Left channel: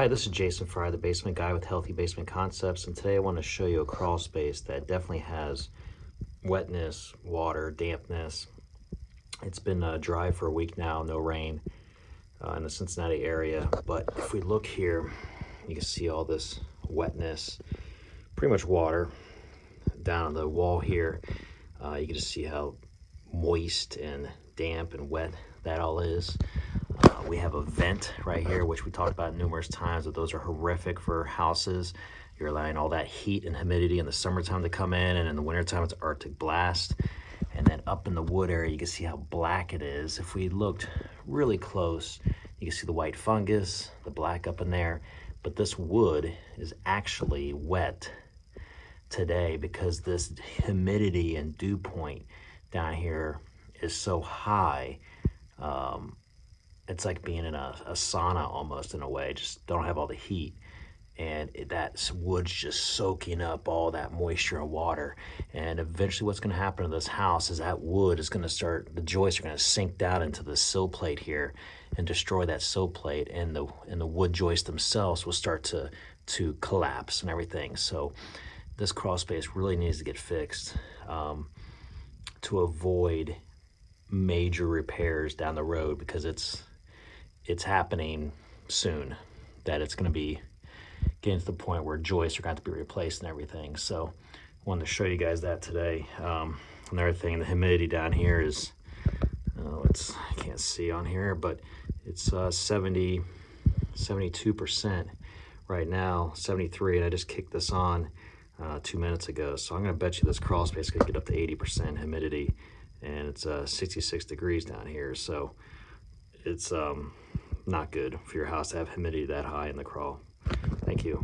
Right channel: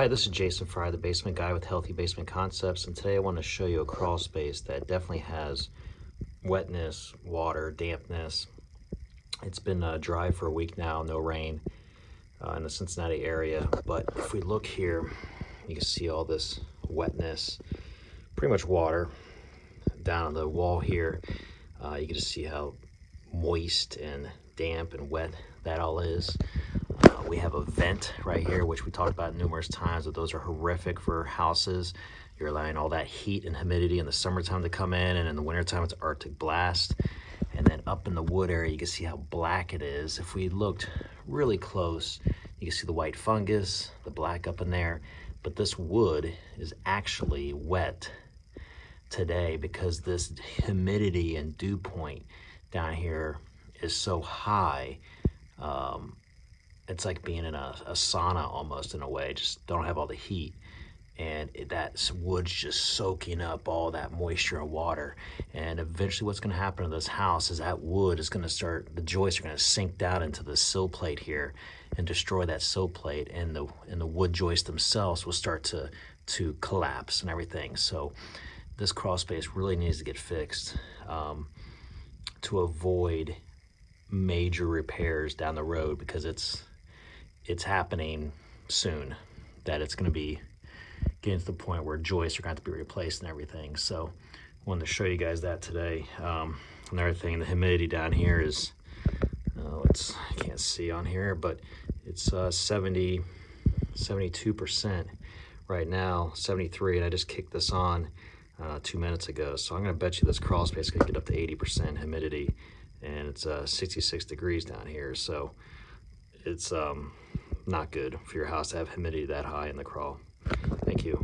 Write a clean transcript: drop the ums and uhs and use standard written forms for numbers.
Hi, this is Jason Fry, the basement guy with Healthy Basement Concepts, and today I want to show you a crawl space that definitely has wetness, water, dampness. It's been dry for a week now, no rain in the Cincinnati area, but if we look here, you can see all this wetness, pretty much water down on the wall here. You can just see how moist and damp and wet that all is. We have a vent right here, which we talked about numerous times, but those are horrific for houses. You're allowing all that heat and humidity in the summertime to come in, and in the wintertime it's Arctic blast. And then up in the wood area, you can see how black it is. If we looked really close, you can see the white fungus, the black up in there. But this wood is actually wet today because this humidity and dew point down here is so high. It's like being in a sauna almost, in a way. Just don't have all the heat, and that wood's just soaking up all that moisture and water. And eventually what's going to happen to this house is that wood is going to start, the joists are going to sink down into the sill plate here and destroy that sill plate, and the wood joists themselves will start to collapse and everything. So this crawl space really needs to get fixed to avoid major repairs down the road, because it's happening soon, that it's going to be getting to the point where joists are going to have to be replaced and everything. So I wanted to show you guys that today. Another thing, the humidity down here is, it's, I can't see on here, but it's 72% right now, 73, and I just kicked this on 2 minutes ago. So I'm going to bet you this crawl space is going to get up to 80% humidity, and it's 66 degrees down here. So it's not good for your house to have humidity that high in the crawl. Thank you.